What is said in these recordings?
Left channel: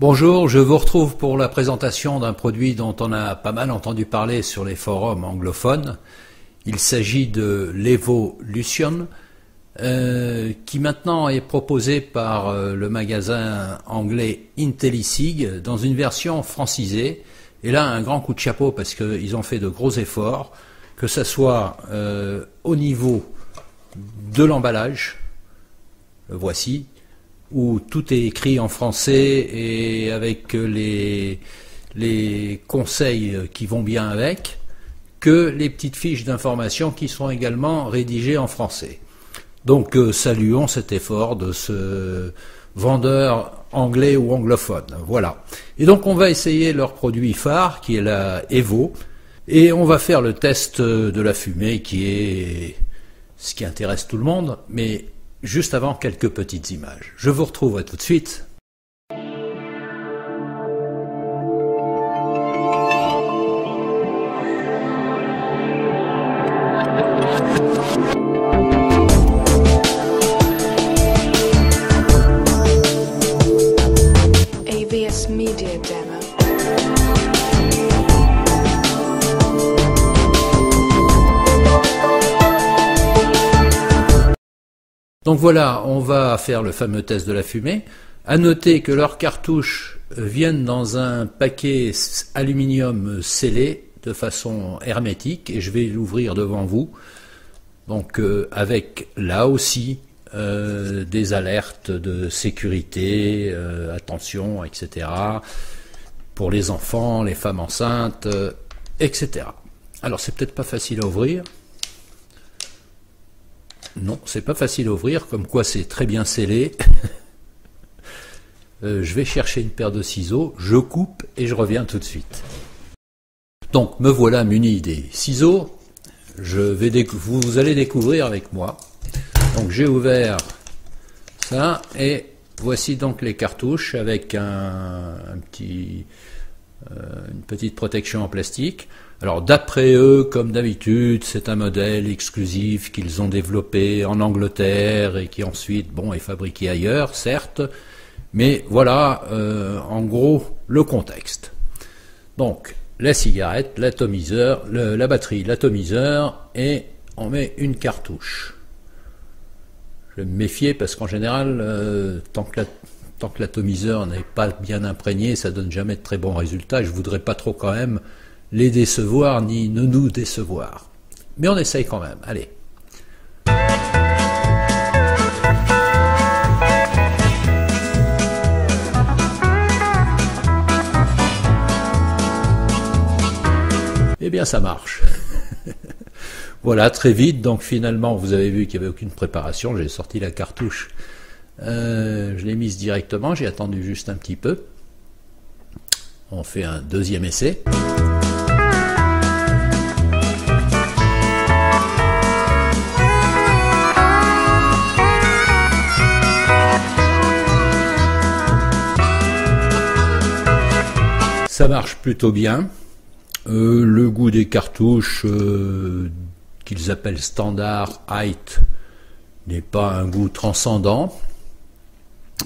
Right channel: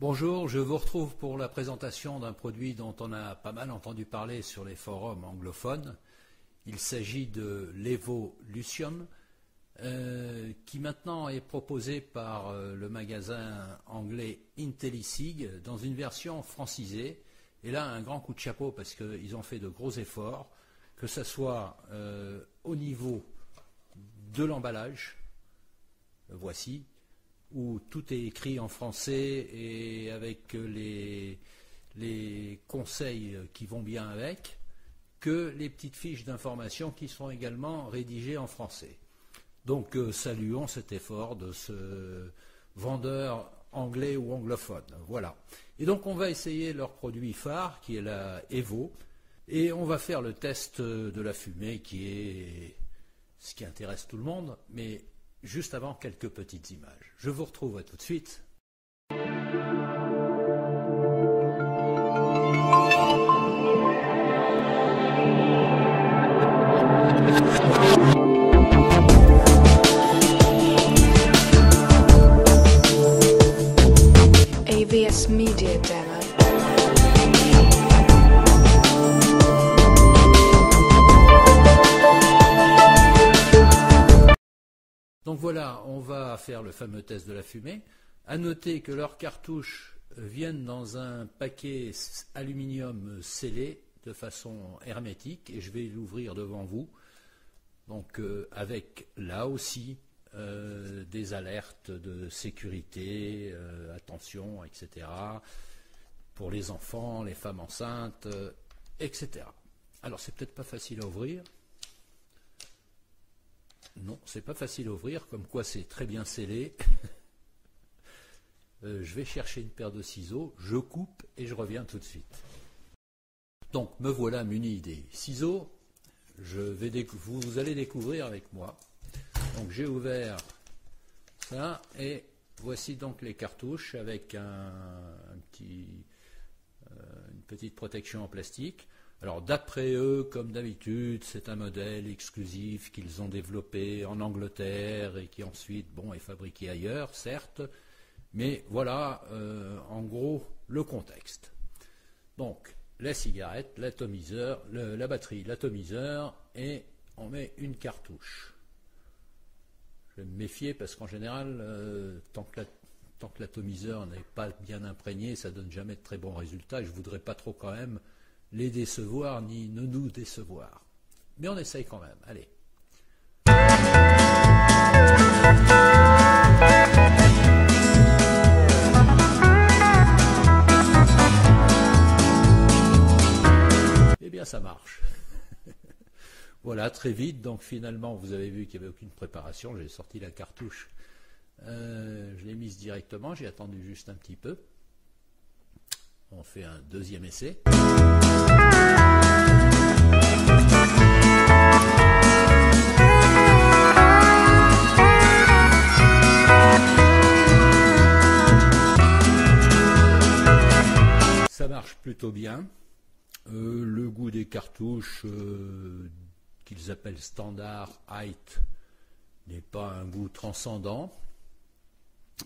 Bonjour, je vous retrouve pour la présentation d'un produit dont on a pas mal entendu parler sur les forums anglophones. Il s'agit de l'Evolution, qui maintenant est proposé par le magasin anglais Intellisig dans une version francisée. Et là, un grand coup de chapeau parce qu'ils ont fait de gros efforts, que ce soit au niveau de l'emballage, le voici, où tout est écrit en français et avec les conseils qui vont bien avec, que les petites fiches d'information qui sont également rédigées en français. Donc saluons cet effort de ce vendeur anglais ou anglophone. Voilà. Et donc on va essayer leur produit phare qui est la Evo, et on va faire le test de la fumée qui est ce qui intéresse tout le monde, mais juste avant, quelques petites images. Je vous retrouve à tout de suite. AVS Media Demo. Donc voilà, on va faire le fameux test de la fumée. À noter que leurs cartouches viennent dans un paquet aluminium scellé de façon hermétique, et je vais l'ouvrir devant vous. Donc avec là aussi des alertes de sécurité, attention, etc. pour les enfants, les femmes enceintes, etc. Alors c'est peut-être pas facile à ouvrir. Non, c'est pas facile à ouvrir, comme quoi c'est très bien scellé. Je vais chercher une paire de ciseaux, je coupe et je reviens tout de suite. Donc me voilà muni des ciseaux. Vous allez découvrir avec moi. Donc j'ai ouvert ça et voici donc les cartouches avec une petite protection en plastique. Alors d'après eux, comme d'habitude, c'est un modèle exclusif qu'ils ont développé en Angleterre et qui ensuite, bon, est fabriqué ailleurs, certes, mais voilà, en gros, le contexte. Donc, la cigarette, l'atomiseur, la batterie, l'atomiseur, et on met une cartouche. Je vais me méfier parce qu'en général, tant que l'atomiseur n'est pas bien imprégné, ça donne jamais de très bons résultats. Je voudrais pas trop quand même les décevoir ni ne nous décevoir. Mais on essaye quand même. Allez. Eh bien ça marche. Voilà, très vite. Donc finalement, vous avez vu qu'il n'y avait aucune préparation. J'ai sorti la cartouche. Je l'ai mise directement. J'ai attendu juste un petit peu. On fait un deuxième essai. Ça marche plutôt bien. Le goût des cartouches qu'ils appellent standard height n'est pas un goût transcendant.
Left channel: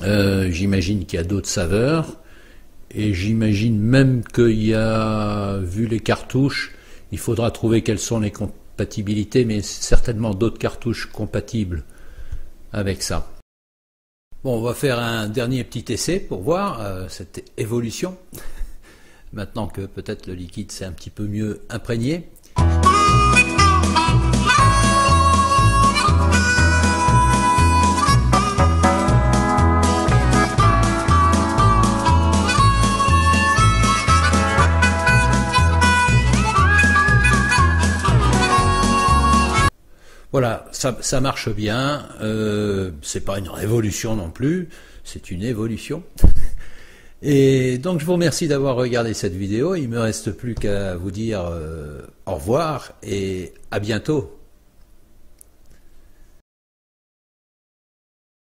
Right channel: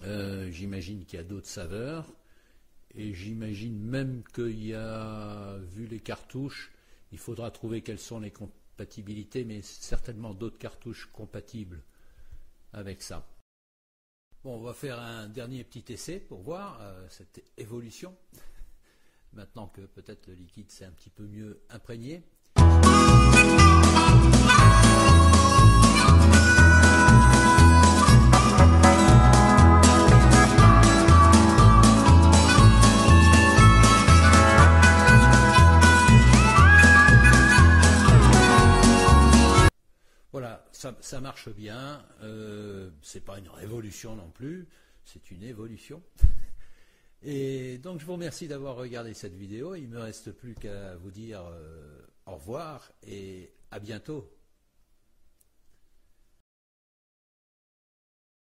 J'imagine qu'il y a d'autres saveurs. Et j'imagine même qu'il y a, vu les cartouches, il faudra trouver quelles sont les compatibilités, mais certainement d'autres cartouches compatibles avec ça. Bon, on va faire un dernier petit essai pour voir cette évolution. Maintenant que peut-être le liquide s'est un petit peu mieux imprégné. Voilà, ça marche bien, c'est pas une révolution non plus, c'est une évolution. Et donc je vous remercie d'avoir regardé cette vidéo, il ne me reste plus qu'à vous dire au revoir et à bientôt.